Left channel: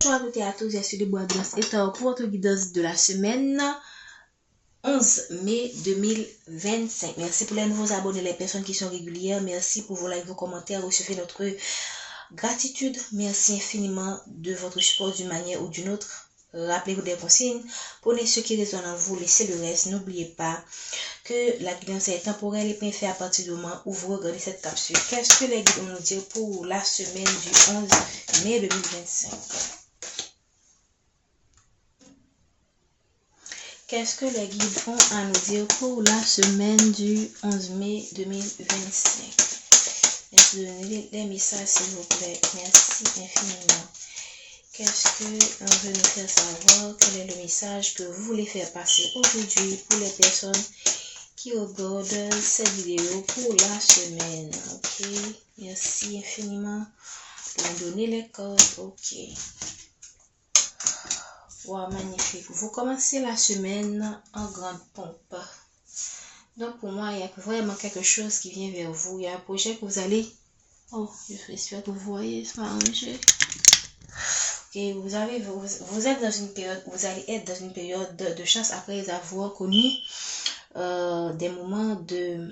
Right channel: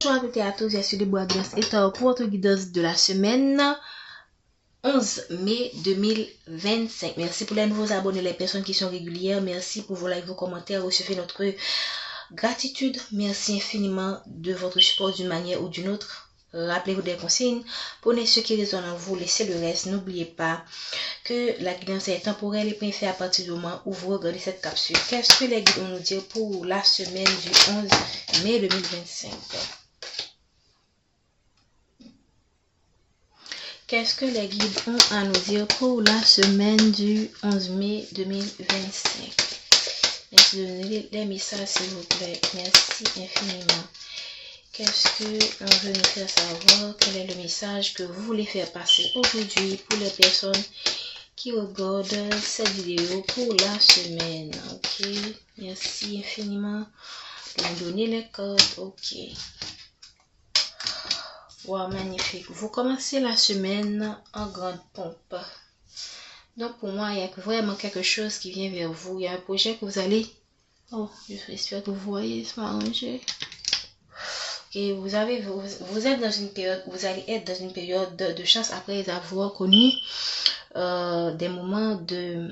Bonjour à toutes et à tous, je suis Debois Grâce et pour votre guidance de la semaine 11 mai 2025. Merci pour les nouveaux abonnés, les personnes qui sont régulières. Merci pour vos likes, vos commentaires. Recevez notre gratitude. Merci infiniment de votre support d'une manière ou d'une autre. Rappelez-vous des consignes. Prenez ce qui résonne en vous, laissez le reste. N'oubliez pas que la guidance est temporelle et bien fait à partir du moment où vous regardez cette capsule. Qu'est-ce que les guides vont nous dire pour la semaine du 11 mai 2025? Qu'est-ce que les guides ont à nous dire pour la semaine du 11 mai 2025? Merci de donner les messages, s'il vous plaît. Merci infiniment. Qu'est-ce que on veut nous faire savoir? Quel est le message que vous voulez faire passer aujourd'hui pour les personnes qui regardent cette vidéo pour la semaine? Ok. Merci infiniment de nous donner les codes. Ok. Wow, magnifique. Vous commencez la semaine en grande pompe. Donc, pour moi, il y a vraiment quelque chose qui vient vers vous. Il y a un projet que vous allez... Oh, j'espère que vous voyez, c'est arrangé. Et vous êtes dans une période, vous allez être dans une période de chance après avoir connu des moments de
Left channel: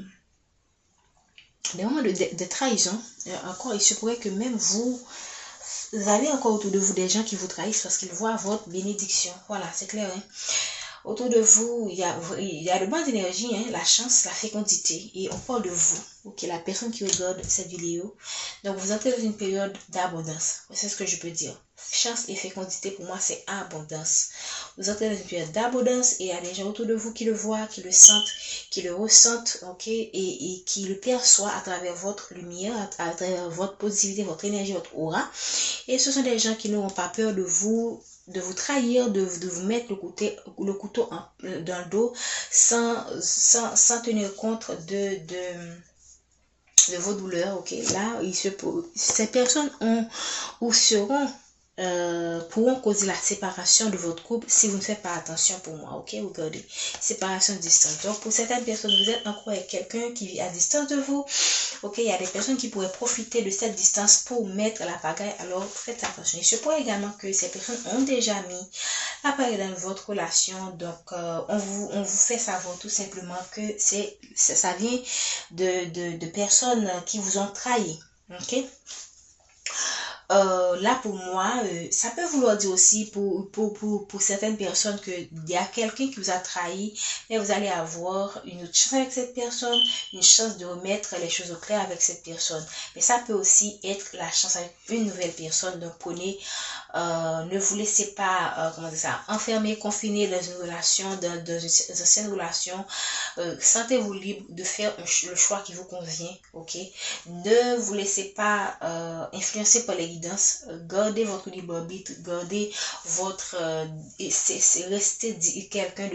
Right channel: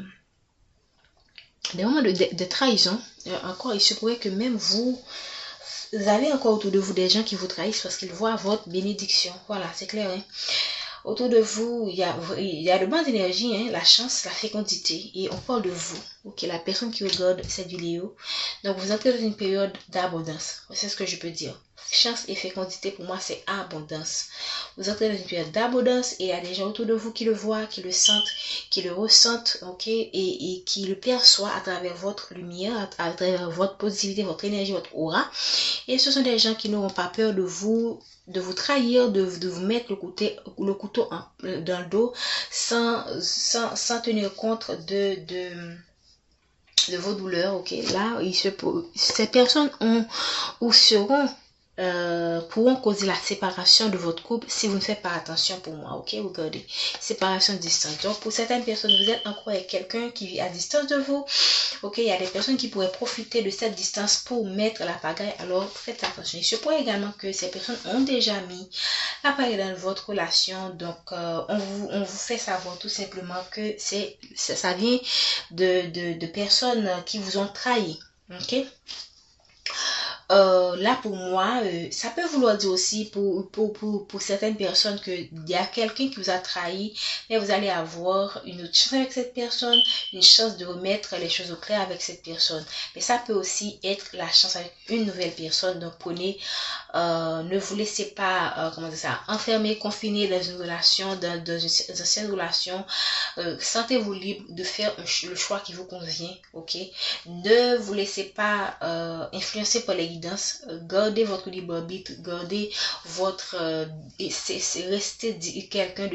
trahison. Encore, il se pourrait que même vous avez encore autour de vous des gens qui vous trahissent parce qu'ils voient votre bénédiction. Voilà, c'est clair. Hein? Autour de vous, il y a de bonnes énergies, hein, la chance, la fécondité. Et on parle de vous, ok, la personne qui regarde cette vidéo. Donc, vous entrez dans une période d'abondance. C'est ce que je peux dire. Chance et fécondité, pour moi, c'est abondance. Vous entrez dans une période d'abondance et il y a des gens autour de vous qui le voient, qui le sentent, qui le ressentent, ok, et qui le perçoivent à travers votre lumière, à travers votre positivité, votre énergie, votre aura. Et ce sont des gens qui n'auront pas peur de vous trahir, de vous mettre le couteau dans le dos sans tenir compte de vos douleurs. Ok, là, ces personnes pourront causer la séparation de votre couple si vous ne faites pas attention. Pour moi, ok, regardez, séparation de distance. Donc pour certaines personnes, vous êtes encore avec quelqu'un qui vit à distance de vous, ok, il y a des personnes qui pourraient profiter de cette distance pour mettre la pagaille, alors faites attention. Il se pourrait également que ces personnes ont déjà mis la pagaille dans votre relation, donc on vous fait savoir tout simplement que ça vient de personnes qui vous ont trahi, ok. Là pour moi, ça peut vouloir dire aussi pour certaines personnes qu'il y a quelqu'un qui vous a trahi, mais vous allez avoir une autre chance avec cette personne, une chance de remettre les choses au clair avec cette personne. Mais ça peut aussi être la chance avec une nouvelle personne. Donc prenez, ne vous laissez pas, enfermer, confiner dans une relation, dans une ancienne relation. Sentez-vous libre de faire le choix qui vous convient, ok. Ne vous laissez pas influencer par les guidances. Gardez votre libre arbitre, gardez votre restez quelqu'un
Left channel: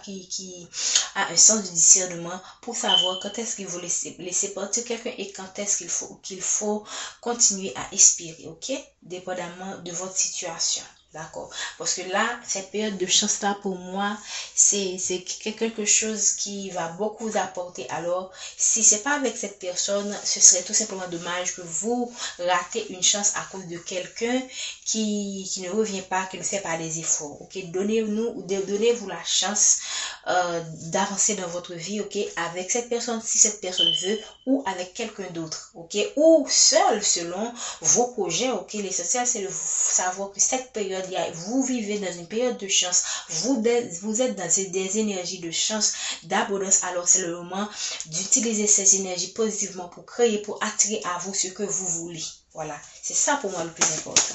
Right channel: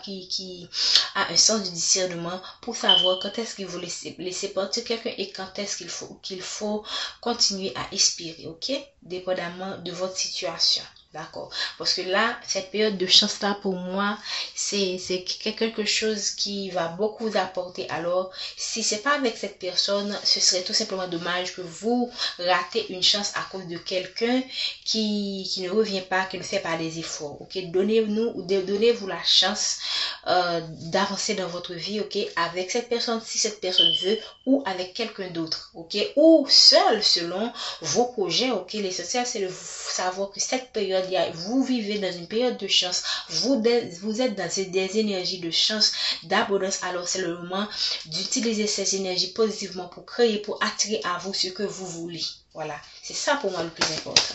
qui a un sens de discernement pour savoir quand est-ce qu'il vous laisser partir quelqu'un et quand est-ce qu'il faut continuer à espérer, ok, dépendamment de votre situation. D'accord, parce que là, cette période de chance là pour moi, c'est quelque chose qui va beaucoup vous apporter. Alors, si c'est pas avec cette personne, ce serait tout simplement dommage que vous ratez une chance à cause de quelqu'un qui ne revient pas, qui ne fait pas des efforts. Ok, donnez-vous la chance d'avancer dans votre vie, ok, avec cette personne si cette personne veut, ou avec quelqu'un d'autre, ok, ou seul selon vos projets. Ok, l'essentiel c'est de savoir que cette période, vous vivez dans une période de chance, vous êtes dans des énergies de chance, d'abondance. Alors c'est le moment d'utiliser ces énergies positivement pour créer, pour attirer à vous ce que vous voulez. Voilà, c'est ça pour moi le plus important.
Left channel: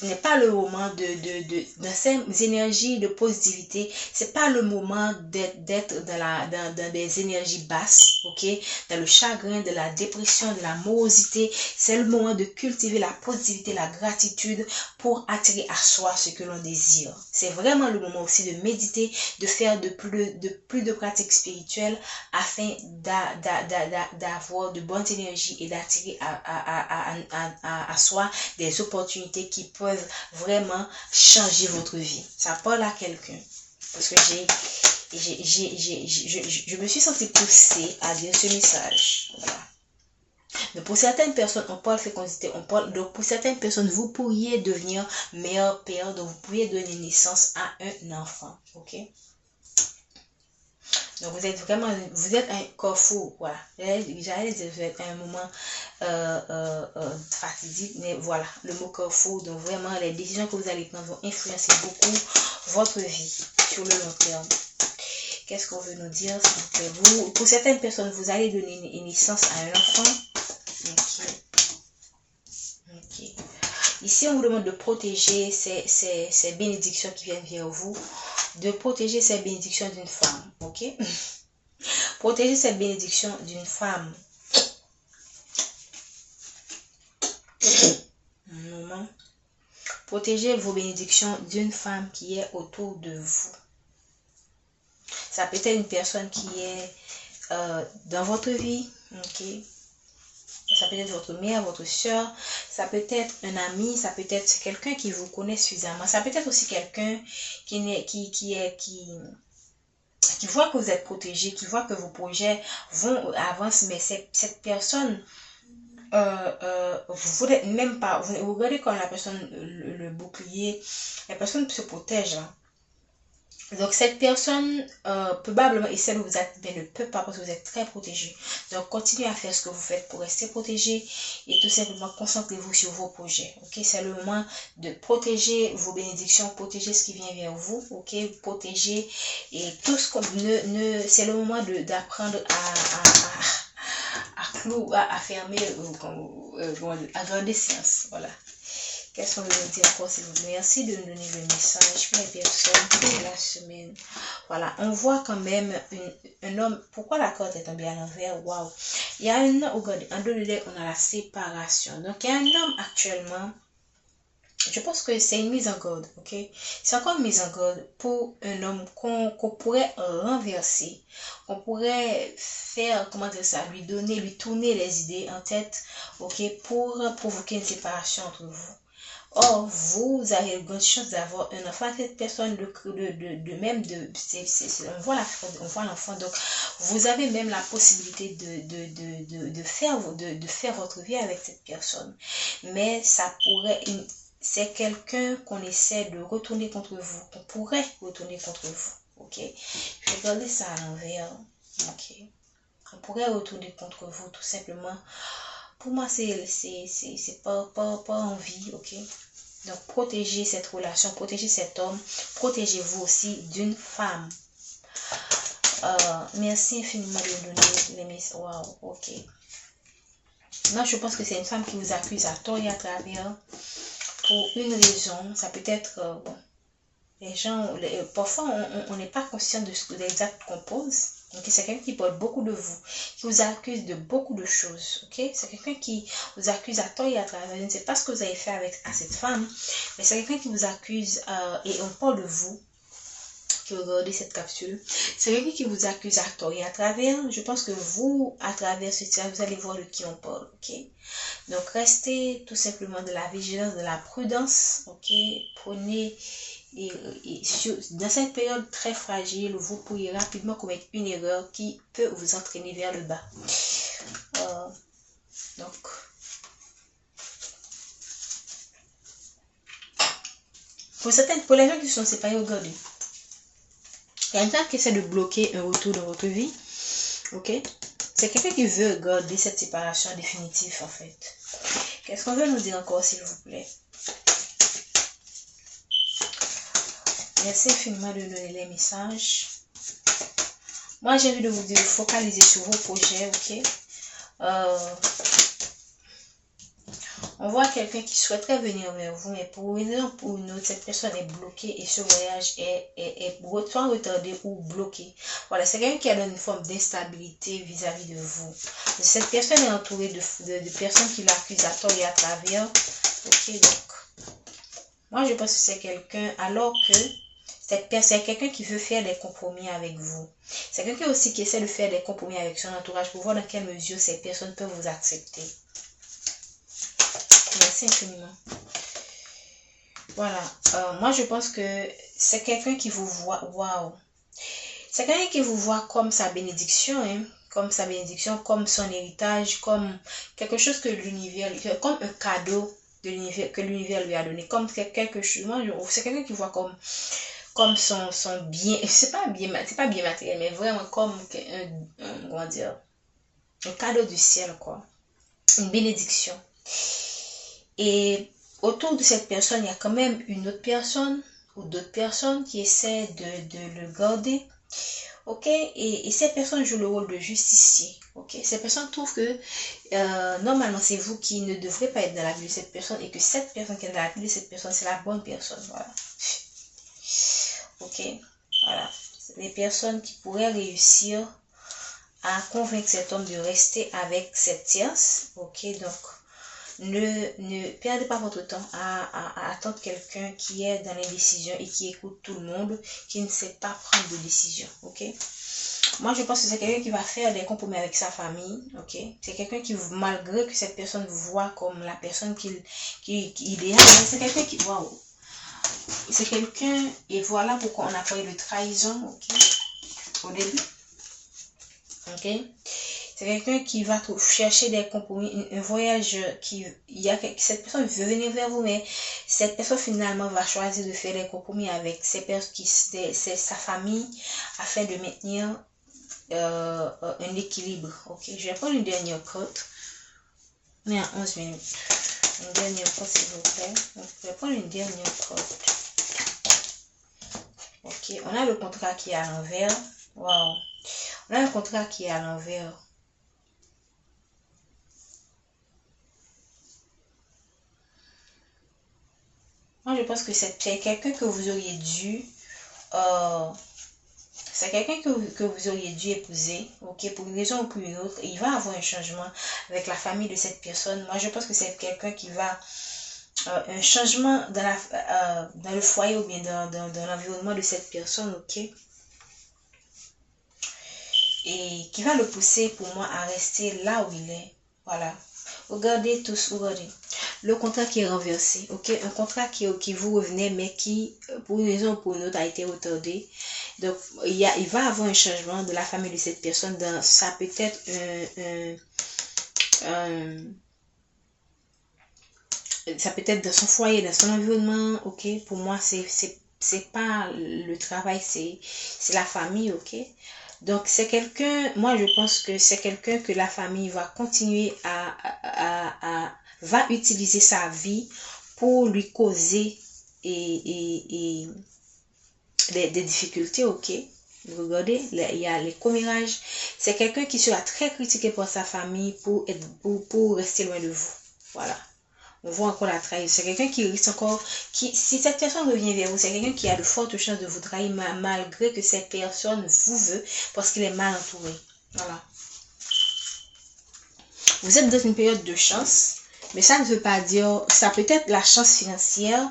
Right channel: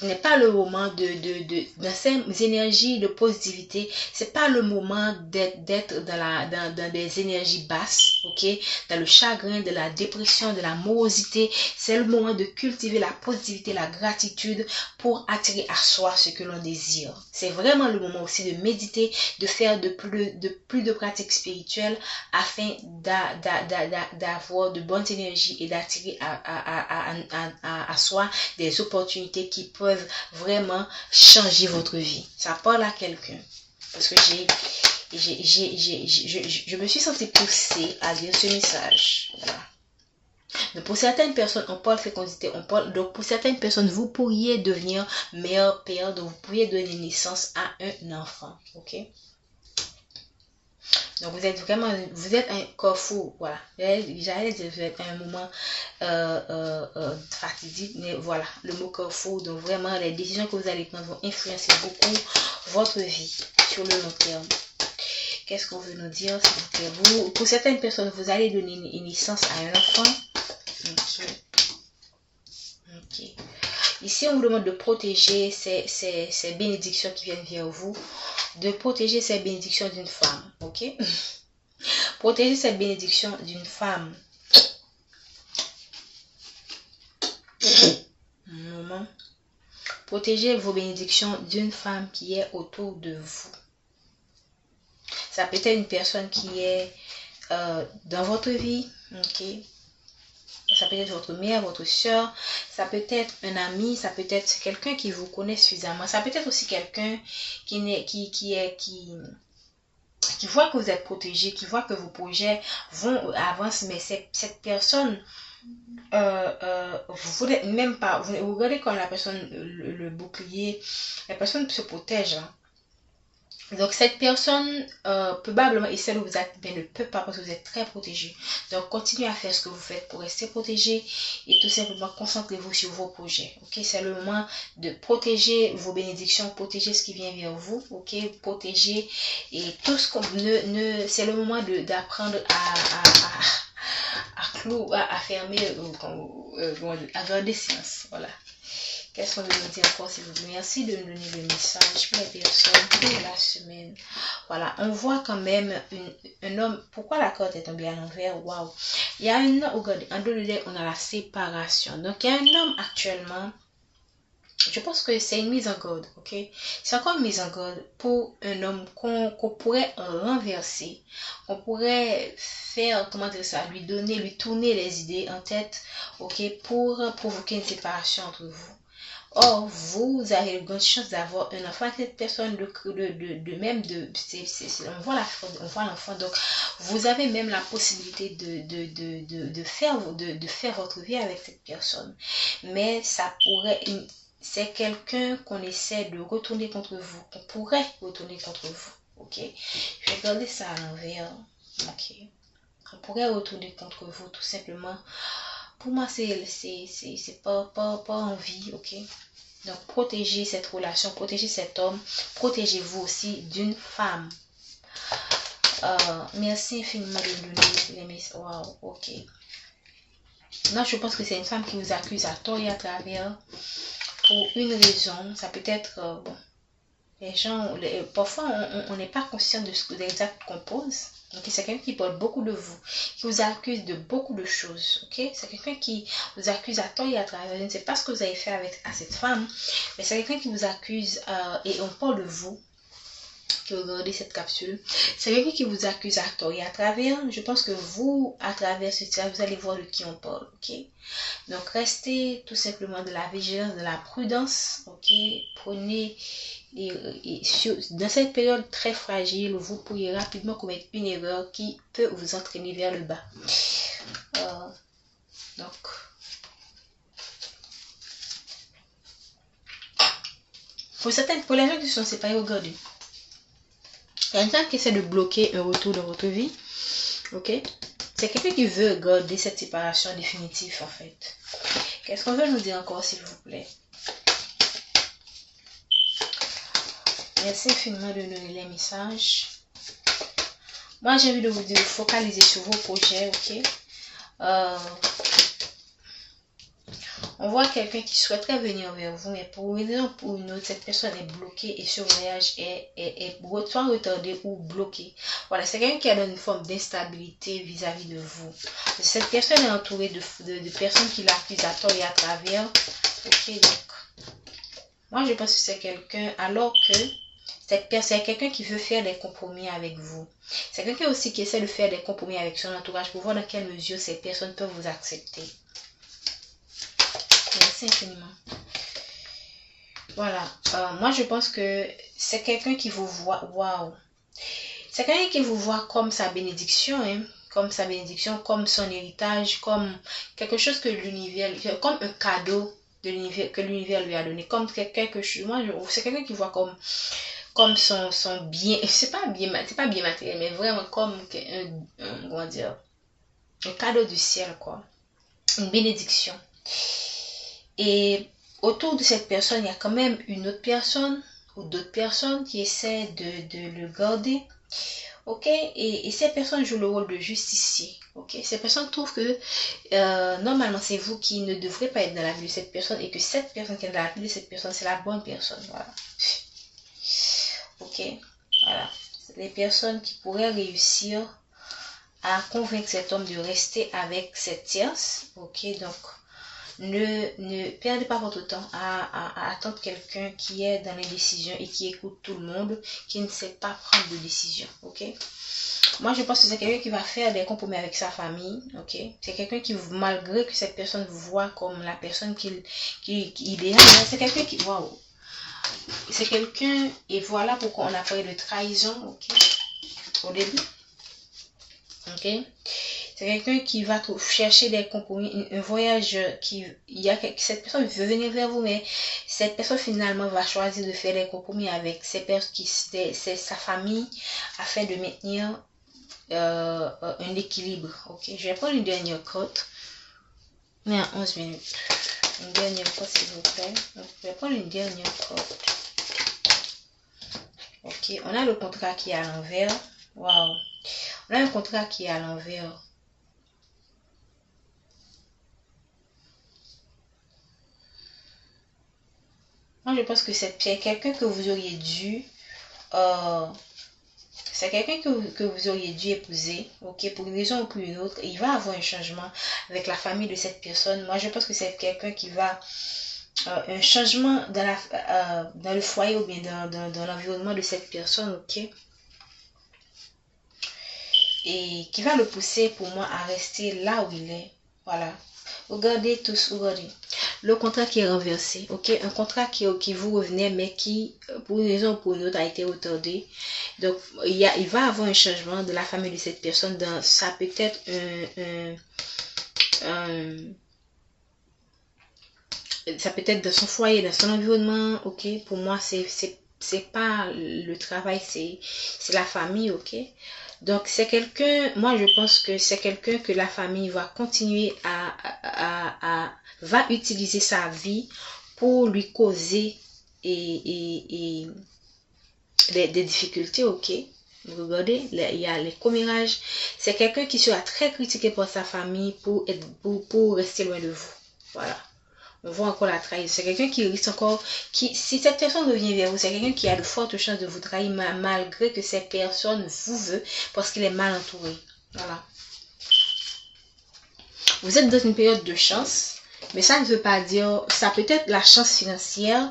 Ce n'est pas le moment dans ces énergies de positivité, c'est pas le moment d'être dans des énergies basses, ok, dans le chagrin, de la dépression, de la morosité. C'est le moment de cultiver la positivité, la gratitude pour attirer à soi ce que l'on désire. C'est vraiment le moment aussi de méditer, de faire plus de pratiques spirituelles afin d'avoir de bonnes énergies et d'attirer à soi des opportunités qui peuvent vraiment changer votre vie. Ça parle à quelqu'un. Parce que je me suis sentie poussée à lire ce message. Voilà. Donc pour certaines personnes, on parle fécondité, on parle. Donc pour certaines personnes, vous pourriez devenir meilleur père, donc vous pourriez donner naissance à un enfant. Ok? Donc vous êtes vraiment, vous êtes un corps fou, voilà. J'allais dire, vous êtes à un moment fatidique, mais voilà, le mot corps fou. Donc vraiment, les décisions que vous allez prendre vont influencer beaucoup votre vie sur le long terme. Qu'est-ce qu'on veut nous dire? Pour certaines personnes, vous allez donner une naissance à un enfant. Ok. Ok. Ici, on vous demande de protéger ces bénédictions qui viennent vers vous. De protéger ces bénédictions d'une femme. Ok? Protéger cette bénédiction d'une femme. Un moment. Protégez vos bénédictions d'une femme qui est autour de vous. Ça peut être une personne qui est dans votre vie. Ok? Ça peut être votre mère, votre soeur, ça peut être un ami, ça peut être quelqu'un qui vous connaît suffisamment. Ça peut être aussi quelqu'un qui voit que vous êtes protégé, qui voit que vos projets vont avancer, mais cette personne, vous n'êtes même pas, vous regardez comme la personne, le bouclier, la personne se protège. Hein. Donc cette personne probablement essaie de vous activer, mais ne peut pas parce que vous êtes très protégé. Donc continuez à faire ce que vous faites pour rester protégé et tout simplement concentrez-vous sur vos projets. Ok, c'est le moment de protéger vos bénédictions, protéger ce qui vient vers vous. Ok, protéger et tout ce qu'on c'est le moment d'apprendre à fermer, à faire des séances. Voilà. Qu'est-ce qu'on veut nous dire encore, s'il vous plaît? Merci de nous donner le message pour les personnes, pour la semaine. Voilà, on voit quand même un homme. Pourquoi la corde est tombée à l'envers? Waouh! Il y a un homme, regardez, en deux lieux, on a la séparation. Donc, il y a un homme actuellement. Je pense que c'est une mise en garde, ok? C'est encore une mise en garde pour un homme qu'on pourrait renverser, qu'on pourrait faire, comment dire ça, lui tourner les idées en tête, ok, pour provoquer une séparation entre vous. Or, vous avez une grande chance d'avoir un enfant avec cette personne, on voit l'enfant, donc vous avez même la possibilité de faire votre vie avec cette personne. Mais ça pourrait, c'est quelqu'un qu'on essaie de retourner contre vous, qu'on pourrait retourner contre vous, ok? Je vais garder ça à l'envers, ok? On pourrait retourner contre vous, tout simplement. Pour moi, c'est pas envie, ok? Donc, protégez cette relation, protégez cet homme, protégez-vous aussi d'une femme. Merci infiniment de me donner les messages. Wow, ok. Là, je pense que c'est une femme qui vous accuse à tort et à travers pour une raison. Ça peut être, bon, les gens, parfois, on n'est pas conscient de ce exact qu'on pose. Ok, c'est quelqu'un qui parle beaucoup de vous, qui vous accuse de beaucoup de choses. Ok, c'est quelqu'un qui vous accuse à tort et à travers. Je ne sais pas ce que vous avez fait à cette femme, mais c'est quelqu'un qui vous accuse et on parle de vous. Qui regardez cette capsule, c'est quelqu'un qui vous accuse à tort et à travers. Je pense que vous, à travers ce tirage, vous allez voir de qui on parle. Ok, donc restez tout simplement de la vigilance, de la prudence. Ok, prenez. Dans cette période très fragile, vous pourriez rapidement commettre une erreur qui peut vous entraîner vers le bas. Donc, pour les gens qui sont séparés, regardez. Il y a quelqu'un qui essaie de bloquer un retour dans votre vie. Ok? C'est quelqu'un qui veut garder cette séparation définitive, en fait. Qu'est-ce qu'on veut nous dire encore, s'il vous plaît? Merci infiniment de nous donner les messages. Moi, j'ai envie de vous dire, focaliser sur vos projets, ok? On voit quelqu'un qui souhaiterait venir vers vous, mais pour une raison ou pour une autre, cette personne est bloquée et ce voyage est soit retardé ou bloqué. Voilà, c'est quelqu'un qui a une forme d'instabilité vis-à-vis de vous. Cette personne est entourée de personnes qui l'accusent à tort et à travers. Ok, donc, moi je pense que c'est quelqu'un, alors que cette personne est quelqu'un qui veut faire des compromis avec vous. C'est quelqu'un aussi qui essaie de faire des compromis avec son entourage pour voir dans quelle mesure ces personnes peuvent vous accepter. Merci infiniment. Voilà. Moi, je pense que c'est quelqu'un qui vous voit. Waouh. C'est quelqu'un qui vous voit comme sa bénédiction. Hein. comme sa bénédiction, comme son héritage, comme quelque chose que l'univers, comme un cadeau de l'univers que l'univers lui a donné, comme quelque chose. Moi, c'est quelqu'un qui voit comme son bien, c'est pas bien matériel, mais vraiment comme comment dire, un cadeau du ciel, quoi, une bénédiction. Et autour de cette personne, il y a quand même une autre personne ou d'autres personnes qui essaient de le garder. Ok, et ces personnes jouent le rôle de justicier. Ok, ces personnes trouvent que normalement c'est vous qui ne devrez pas être dans la vie de cette personne et que cette personne qui est dans la vie de cette personne, c'est la bonne personne. Voilà. Ok, voilà. C'est des personnes qui pourraient réussir à convaincre cet homme de rester avec cette tierce. Ok, donc ne perdez pas votre temps à attendre quelqu'un qui est dans les décisions et qui écoute tout le monde, qui ne sait pas prendre de décision. Ok. Moi, je pense que c'est quelqu'un qui va faire des compromis avec sa famille, ok? C'est quelqu'un qui, malgré que cette personne voit comme la personne qu'il idéale, c'est quelqu'un qui, waouh! C'est quelqu'un, et voilà pourquoi on a parlé de trahison, ok? Au début, ok? C'est quelqu'un qui va chercher des compromis, un voyage cette personne veut venir vers vous, mais cette personne finalement va choisir de faire des compromis avec sa famille afin de maintenir un équilibre. Ok, je vais prendre une dernière cote. On est à 11 minutes. Une dernière cote, s'il vous plaît. Donc, je vais prendre une dernière cote. Ok, on a le contrat qui est à l'envers. Waouh, on a un contrat qui est à l'envers. Moi, je pense que c'est quelqu'un que vous auriez dû c'est quelqu'un que vous auriez dû épouser, ok, pour une raison ou pour une autre. Il va avoir un changement avec la famille de cette personne. Moi, je pense que c'est quelqu'un qui va un changement dans le foyer ou bien dans l'environnement de cette personne, ok, et qui va le pousser pour moi à rester là où il est. Voilà. Regardez tous, regardez. Le contrat qui est renversé, ok, un contrat qui vous revenait, mais qui, pour une raison ou pour une autre, a été retardé. Donc, il va avoir un changement de la famille de cette personne. Ça peut être ça peut être dans son foyer, dans son environnement, ok. Pour moi, c'est pas le travail, c'est la famille, ok. Donc, c'est quelqu'un, moi je pense que c'est quelqu'un que la famille va continuer va utiliser sa vie pour lui causer des difficultés, ok. Regardez, il y a les commérages. C'est quelqu'un qui sera très critiqué par sa famille pour rester loin de vous. Voilà. On voit encore la trahison. C'est quelqu'un qui risque encore, si cette personne revient vers vous, c'est quelqu'un qui a de fortes chances de vous trahir malgré que cette personne vous veut parce qu'il est mal entouré. Voilà. Vous êtes dans une période de chance, mais ça ne veut pas dire, ça peut être la chance financière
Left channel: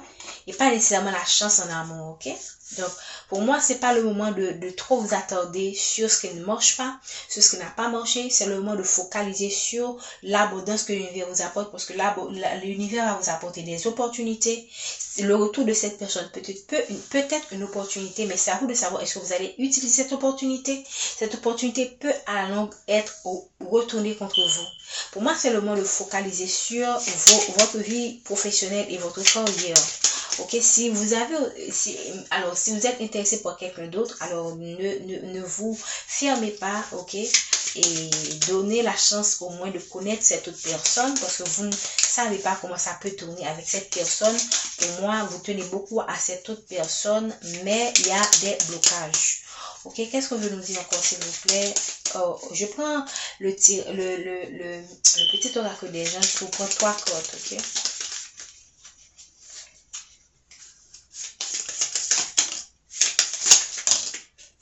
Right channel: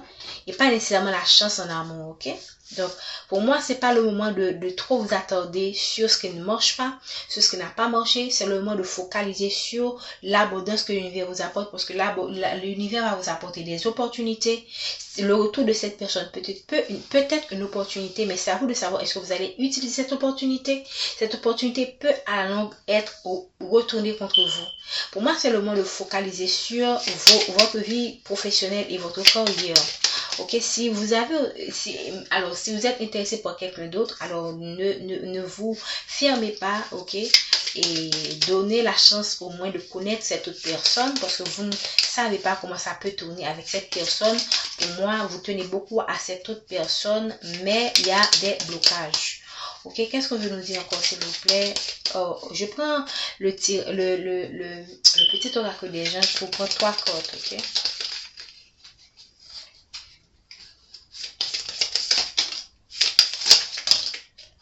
et pas nécessairement la chance en amour, ok? Donc, pour moi, c'est pas le moment de trop vous attarder sur ce qui ne marche pas, sur ce qui n'a pas marché. C'est le moment de focaliser sur l'abondance que l'univers vous apporte, parce que l'univers va vous apporter des opportunités. Le retour de cette personne peut-être une opportunité, mais c'est à vous de savoir est-ce que vous allez utiliser cette opportunité. Cette opportunité peut à la longue être retournée contre vous. Pour moi, c'est le moment de focaliser sur votre vie professionnelle et votre carrière. Ok, si vous êtes intéressé par quelqu'un d'autre, alors ne vous fermez pas, ok, et donnez la chance au moins de connaître cette autre personne, parce que vous ne savez pas comment ça peut tourner avec cette personne. Pour moi, vous tenez beaucoup à cette autre personne, mais il y a des blocages. Ok, qu'est-ce qu'on veut nous dire encore, s'il vous plaît? Je prends le petit oracle des gens pour prendre 3 cartes, ok?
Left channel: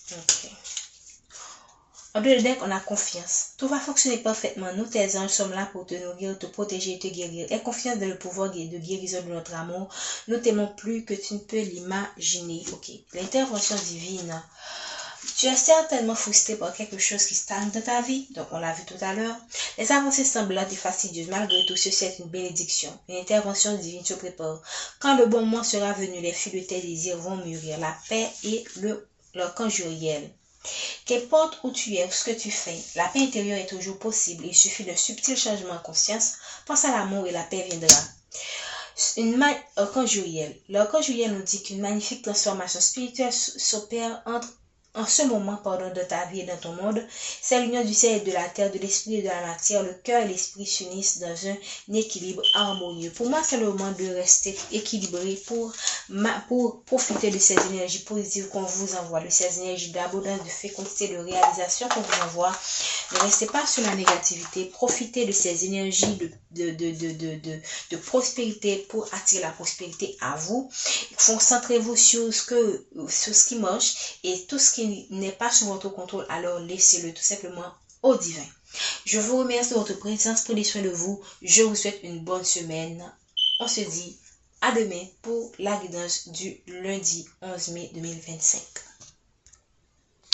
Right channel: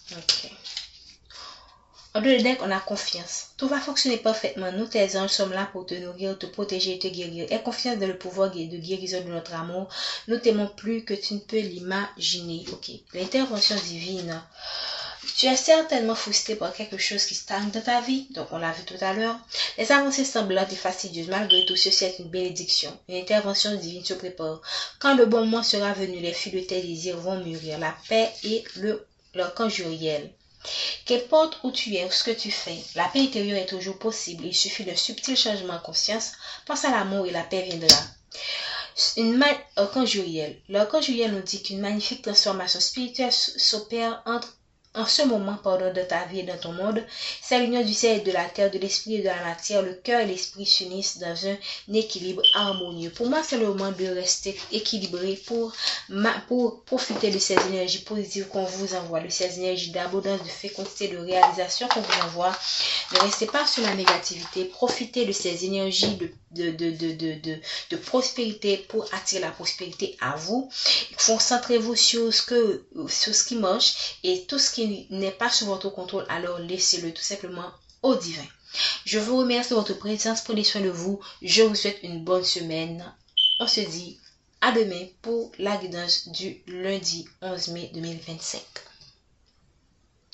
Ok. En deux deck, on a confiance. Tout va fonctionner parfaitement. Nous, tes anges, sommes là pour te nourrir, te protéger et te guérir. Aie confiance dans le pouvoir de guérison de notre amour. Nous t'aimons plus que tu ne peux l'imaginer. Ok. L'intervention divine. Tu es certainement frustré par quelque chose qui stagne dans ta vie. Donc, on l'a vu tout à l'heure. Les avancées semblent lentes et fastidieuses. Malgré tout, ceci est une bénédiction. Une intervention divine se prépare. Quand le bon moment sera venu, les fruits de tes désirs vont mûrir. La paix et leur conjuriel. Qu'importe où tu es ou ce que tu fais, la paix intérieure est toujours possible. Il suffit d'un subtil changement en conscience. Pense à l'amour et la paix viendra. L'archange Uriel. L'archange Uriel nous dit qu'une magnifique transformation spirituelle s'opère en ce moment de ta vie et dans ton monde. C'est l'union du ciel et de la terre, de l'esprit et de la matière. Le cœur et l'esprit s'unissent dans un équilibre harmonieux. Pour moi, c'est le moment de rester équilibré pour profiter de ces énergies positives qu'on vous envoie, de ces énergies d'abondance, de fécondité, de réalisation qu'on vous envoie. Ne restez pas sur la négativité. Profitez de ces énergies de prospérité pour attirer la prospérité à vous. Concentrez-vous sur ce qui marche, et tout ce qui n'est pas sous votre contrôle, alors laissez-le tout simplement au divin. Je vous remercie de votre présence. Prenez soin de vous. Je vous souhaite une bonne semaine. On se dit à demain pour la guidance du lundi 11 mai 2025.